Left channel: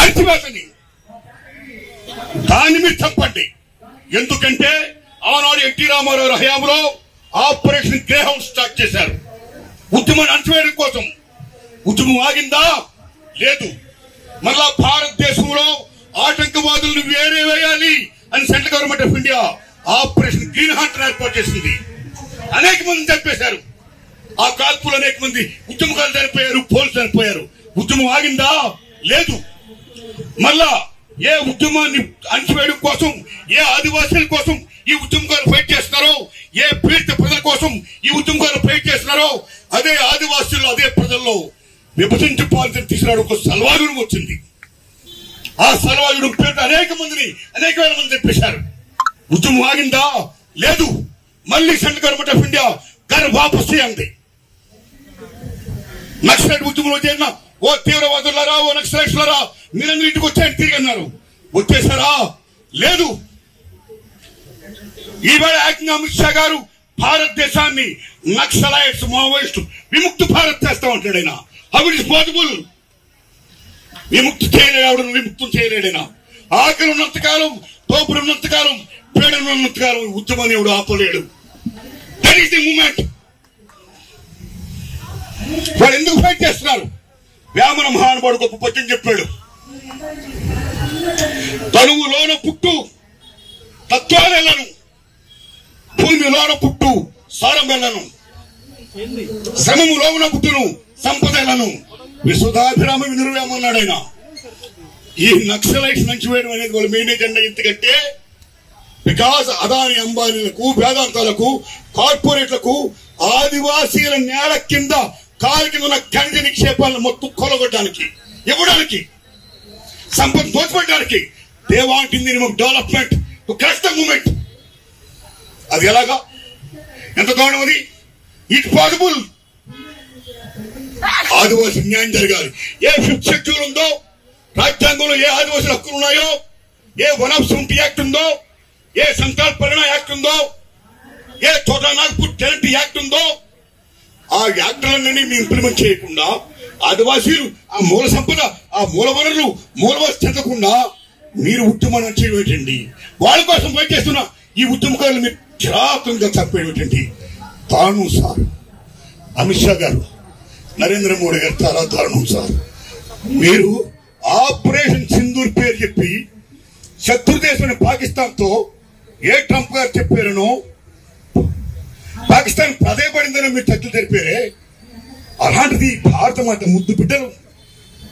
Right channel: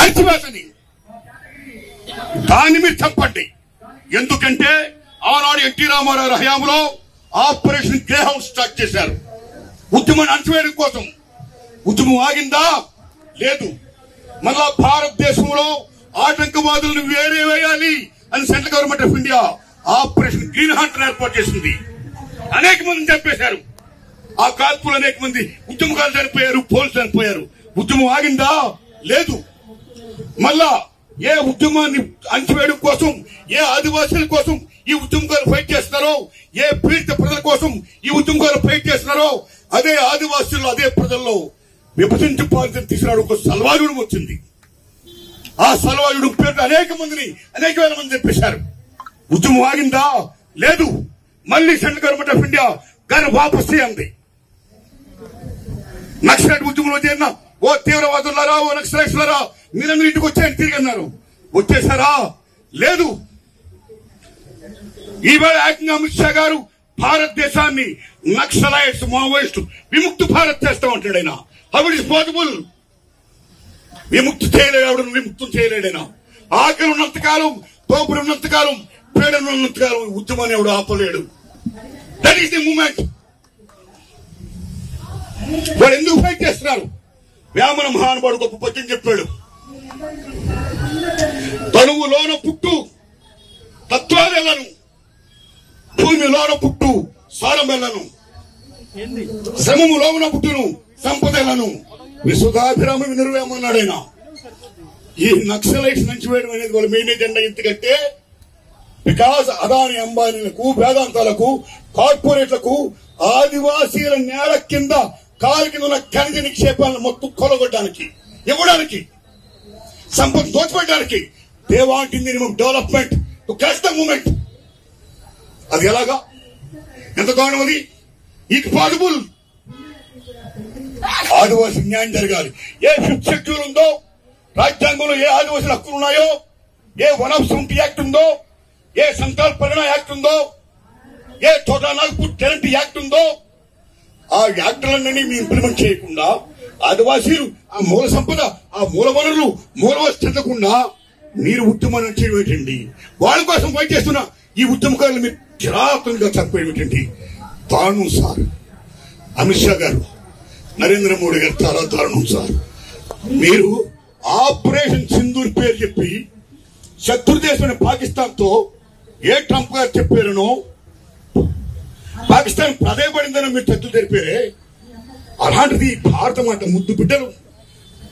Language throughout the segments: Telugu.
అణచివేతని దాని మీద చంపండి. ఎందుకంటే ఆనాడు ఎన్టీ రామారావు హయాంలో ఆపరేషన్ గ్రే హౌస్ స్టార్ట్ చేశారు ఉద్యమాన్ని అణచివేయడం కోసం. ఉద్యమం ఆగిందా? లేదు. మళ్ళా భారతదేశంలో ఆటంకవాదులను వేరే వేయాలి అని central government of India operation green Hunter ఏర్పాటు చేసింది. అనేక మంది చంపేశారు. ఆ కాల్పులు అనేక మంది ఉద్యమకారులు చనిపోయారు, పోలీసులు చనిపోయారు. ఉద్యమం ఆగిందా? లేదు. మళ్ళా ఏ ఉద్యమాన్ని అణచివేయడం కోసం, ఏ ఆదివాసీల కోసం ఈ ఉద్యమకారులు ఫైట్ చేస్తున్నారో, ఏ పీడిత ప్రజల కోసం ఈ ఉద్యమకారులు ఫైట్ చేస్తున్నారో, అదే ఆదివాసీలు అదే ప్రజల్లో విభజించి పాలన తీసుకురావడం ఒక సల్వాయుడు వచ్చింది. ఆ సల్వాయుడు పేరు అనేక వేల మంది చెప్పేశారు. ఉద్యమం ఆగిందా? లేదు. మళ్ళీ సెంట్రల్ గవర్నమెంట్ ఆఫ్ ఇండియా గారు వాపసు అంది. నక్సలైట్ ఉద్యమంలో చేరిన ఓ తీవ్రవాదులారా, ఓ నక్సలైట్లారా, మీరందరూ ఇంటికి వచ్చాయని తిరిగి అన్నారు. వచ్చేసారా? లేదు. ఈవేళ ఏకంగా అమిత్ షా గారు భారతదేశాన్ని నక్సలైట్స్, మావోయిస్టు విముక్తి భారత్ చేస్తామంటాడు ఆయన. How it is possible? విముక్తి చేయలేడు, విముక్తం చేయలేడైనా. ఆకలి ఉన్నంతకాలం, తోపుడు ఉన్నంతకాలం, పీడన ఉన్నంతకాలం ఉద్యమాన్ని ఎవడు ఆపలేడు. That is the movement. వాళ్ళు ఎందుకు ఫైట్ చేస్తున్నారు? వేమన మహానుభావుడు గొప్ప పద్యం చెప్పాడు. తనువులోన పుట్టు తత్వాలను, భూమిలోన పుట్టు సారమెలను, శ్రమములోన పుట్టును సంపదలను, విశుధాభిరామ వినుర్వేమన్నాడు ఆయన. ఈ నక్సలైట్స్ నుంచి వేయడం అనేది వాళ్ళ మెయిన్ ఎజెండా. ఎందుకంటే బికాజ్ అదాని అంబానీలకు, వేదాంతాలకు, కార్పొరేట్లకు ఆదివాసీల నేల కింద కాలు కింద ఉన్న ఖనిజ నిక్షేపాలను మొత్తం కొలగొట్టడానికి, ఇవ్వడానికి, సంపద దోచుకోవడానికి. They want in development to crash the moment. అది ఎలాగా? ఎంత కారణం అది? It possible. ఆదివాసీ న్యాయం జరగాలి. ఏ ఫిఫ్త్ షెడ్యూల్ ఉందో, రాజ్యాంగంలో ఏ ఆదివాసీల హక్కులు ఉన్నాయో, ఏ వన్ ఆఫ్ 70 యాక్ట్ ఉందో, ఏ సంకల్ప పరిణామ యాక్ట్ ఉందో, ఏ చోటా నాగపూర్ గ్యారంటీ యాక్ట్ ఉందో, ఆ యాక్టులన్నీ మీరు ఇంప్లిమెంట్ చేయకుండా ఆదివాసీలు ఆ మూల సంపద, ఆ మూల వనరులు, మూలవస్తు చెందకుండా మీరు ఉద్యమాన్ని చేయటండి. వాళ్ళ కోసం ఫైట్ చేస్తున్న ఈ ఉద్యమకారులు మీరు కిరాతంగా చంపేయటండి. దారుణం సార్. అమిత్ షా గారు, నరేంద్ర మోడీ గారు చాలా దారుణం సార్. మీరు ఆపరేషన్ సింధూర్ పేరు చెప్పి శత్రుదేశమైన పాకిస్తాన్ తో ఏ ట్రంప్ గారు చెప్పారనో, పాకిస్తాన్ ప్రాధాయపడిందని మీరు చర్చలు జరిపారే. అలాంటిది భారత మాత ముద్దు బిడ్డలు,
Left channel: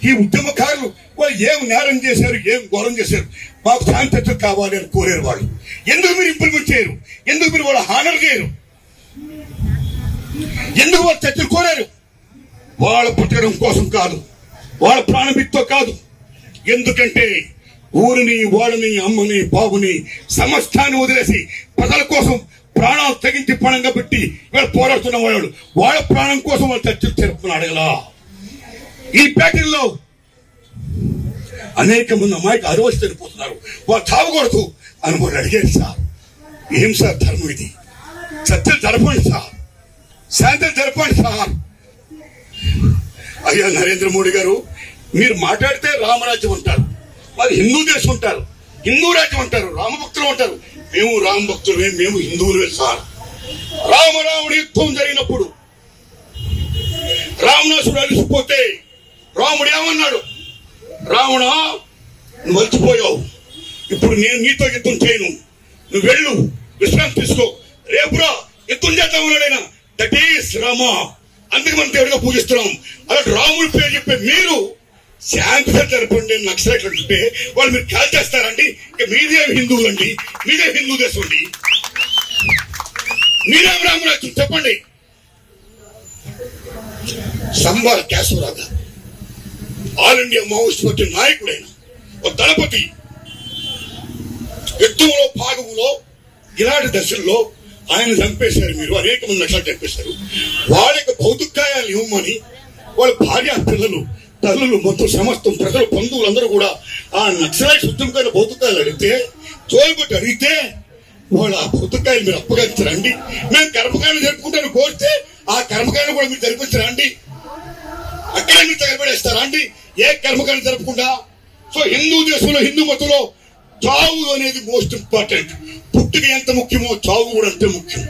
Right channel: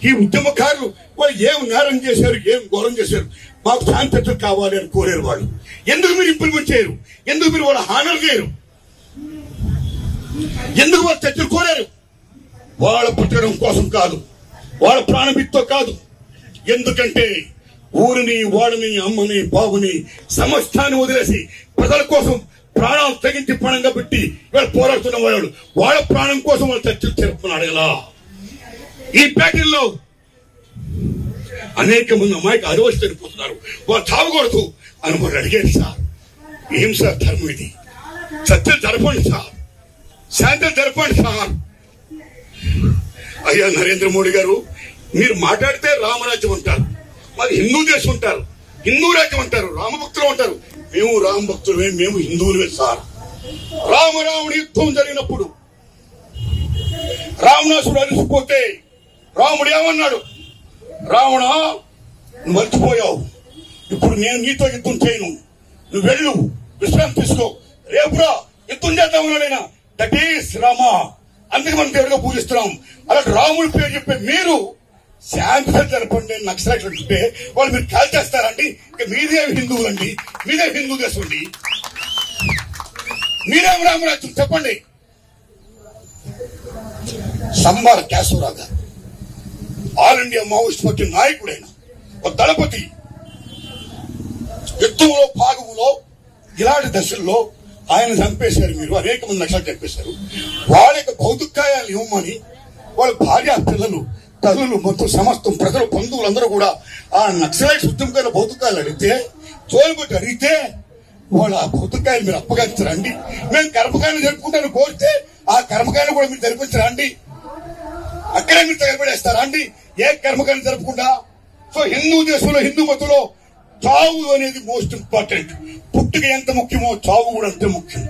ఈ ఉద్యమకారులు వాళ్ళు ఏం నేరం చేశారు, ఏం ఘోరం చేశారు, మాకు శాంతి చర్చలు కావాలి అని కోరారు. వాళ్ళు ఎందుకు మీరు ఇంప్లిమెంట్ చేయరు? ఎందుకు మీరు వాళ్ళ హానర్ చేయరు? ఎందుకు వాళ్ళు చర్చలు కోరారు? వాళ్ళ పుట్టడం కోసం కాదు, వాళ్ళ ప్రాణమిత్తో కాదు. ఎందుకంటే ఊరిని, వాడిని, అమ్మని, బాబుని, సమస్తాన్ని వదిలేసి ప్రజల కోసం ప్రాణాలు తెగించి ప్రాణంగా పెట్టి ఇవాళ పోరాడుతున్న వాళ్ళు వాళ్ళ ప్రాణం కోసం వాళ్ళు చర్చలు జరుపుకున్నాడు కదా. ఈ ప్యాటర్న్లో అనేక మంది అమ్మాయికి అరవసి చనిపోతున్నారు. వాళ్ళు చావకూడదు అని వాళ్ళు అడిగారు. సార్ ఏం సార్ ధర్మం ఇది? చర్చలు జరపండి సార్, శాంతులు జరపండి సార్. అయ్యా నరేంద్ర మోడీ గారు, మీరు మాట్లాడితే రామరాజ్యం అంటారు, మరి హిందూ దేశం అంటారు, హిందూ రాజ్యం అంటారు, రామభక్తులు అంటారు. మేము రామభక్తులమే, మేము హిందువులమే సార్. రామరాముడి యుద్ధం జరిగినప్పుడు రావణాసుడు అలిసిపోతే రాముడు ఏమన్నాడు? రావణ, నువ్వు మర్చిపోయావు, ఇప్పుడు నేను నీతో యుద్ధం చేయను, నువ్వు వెళ్ళు, విశ్రాంతి తీసుకో, రేపురా యుద్ధం చేద్దామన్నాడు ఆయన. That is Rama. అందుకు మనం దేవుడిగా పూజిస్తున్నాం. అలాంటి రాముడి పేరు చెప్పే మీరు శాంతిగా జరపండి నక్సలైట్లు అంటే వాళ్ళు మీరు కాల్ చేస్తారండి. ఇక మీదే హిందువులండి, మీదే హిందూ దేశం అండి, మీరేం రామరాజ్యం చెప్పండి. సంబాల కేశవరావు గారు ఆల్ ఇండియా మావోయిస్ట్ పార్టీ నాయకుడైన ఒక దళపతి యుద్ధంలో భాగంలో ఇలాంటి దశల్లో ఆయన చంపేశారు. మీరు అనేక మంది నక్సలైట్లు చంపేశారు. వాళ్ళ యొక్క భౌతికాయాలు ఇవ్వమని వాళ్ళ భార్య, పిల్లలు, తల్లులు, మొత్తం సమస్తం ప్రజలు, బంధువులందరూ కూడా ఆ నక్సలైట్స్ ఉద్యమకాల భౌతికాయలు అడిగితే, తోలుబట్టి అడిగితే వాళ్ళ ఆ భౌతికాయలు మీరు అప్పగించరండి. మేము కర్మకాయలు జరుపుకుంటాను కోరితే ఆ కర్మకాయలు కూడా మీరు జరిపించరా అండి? అక్కడే మీరు తగలబడేస్తారా అండి? ఏ కర్మకాయలు జరుపుకుంటా సో హిందూ దేశంలో హిందూ మతంలో చావు అనేది మోస్ట్ ఇంపార్టెంట్. పుట్టుక ఎంత ముఖ్యమో చావు కూడా అంతే ముఖ్యం.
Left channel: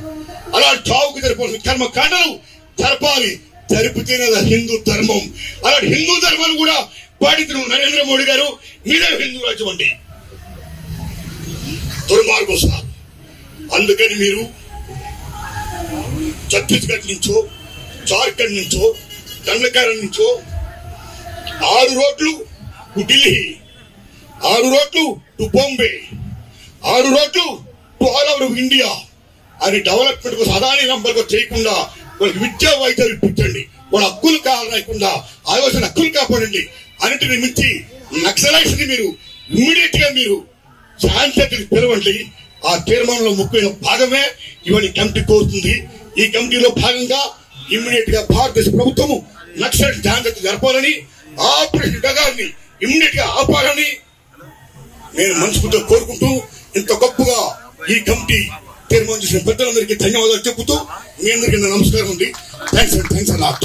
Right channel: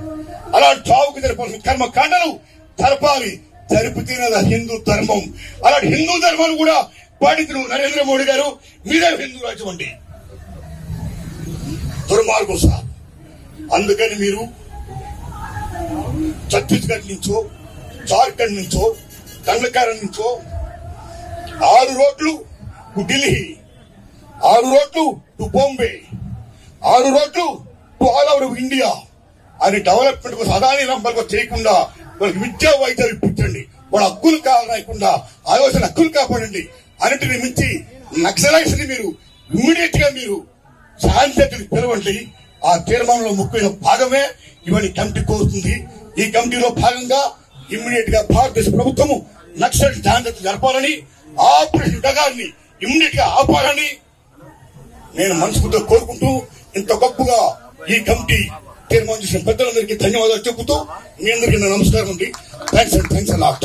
అలా చావుకు జరపాల్సిన కర్మకాండలు జరపాలి. జరిపితేనే హిందూ ధర్మం. అలాంటి హిందూ ధర్మాన్ని కూడా పాటించిన నరేంద్ర మోడీ గారు మీరే హిందూ రాజ్యం అండి. దుర్మార్గం సార్. అందుకని మీరు ఛత్తీస్గఢ్ నుంచో, జార్ఖండ్ నుంచో, కర్ణాటక నుంచో 6 రోడ్లు టు ఢిల్లీ, 6 రోడ్లు టు బాంబే, 6 రోడ్లు టు ఆల్ ఓవర్ ఇండియా అని డెవలప్మెంట్ కోసం అదాని నంబర్గా చేయకుండా వాళ్ళకి విద్యా వైద్యాలు ఇప్పించండి. వాళ్ళ హక్కులు కాకుండా ఆలోచన హక్కులు కాపాడండి. అన్నింటిని మించి నక్సలైట్స్ ని మీరు ఇమ్మీడియట్ గా మీరు శాంతిని పిలవండి. ఆ తీర్మానంలో ముఖ్యమైన భాగమే ఇవాళ కమిటీ కోరుతుంది. ఈ కమిటీలో భాగంగా ఇమ్మీడియట్ గా భారతదేశ ప్రభుత్వం నక్సలైట్ జాగ్రత్త జరపాలని, ఆపరేషన్ డగాల్ని ఇమ్మీడియట్ గా ఆపాలని నేను మనస్ఫూర్తిగా కోరుకుంటూ, ఇంత గొప్పగా ఈ కమిటీ తీర్మానం చేసిన పెద్దలందరికీ ధన్యవాదాలు చెబుతూ మీ అందరికీ నమస్కారం అండి. Thanks a lot.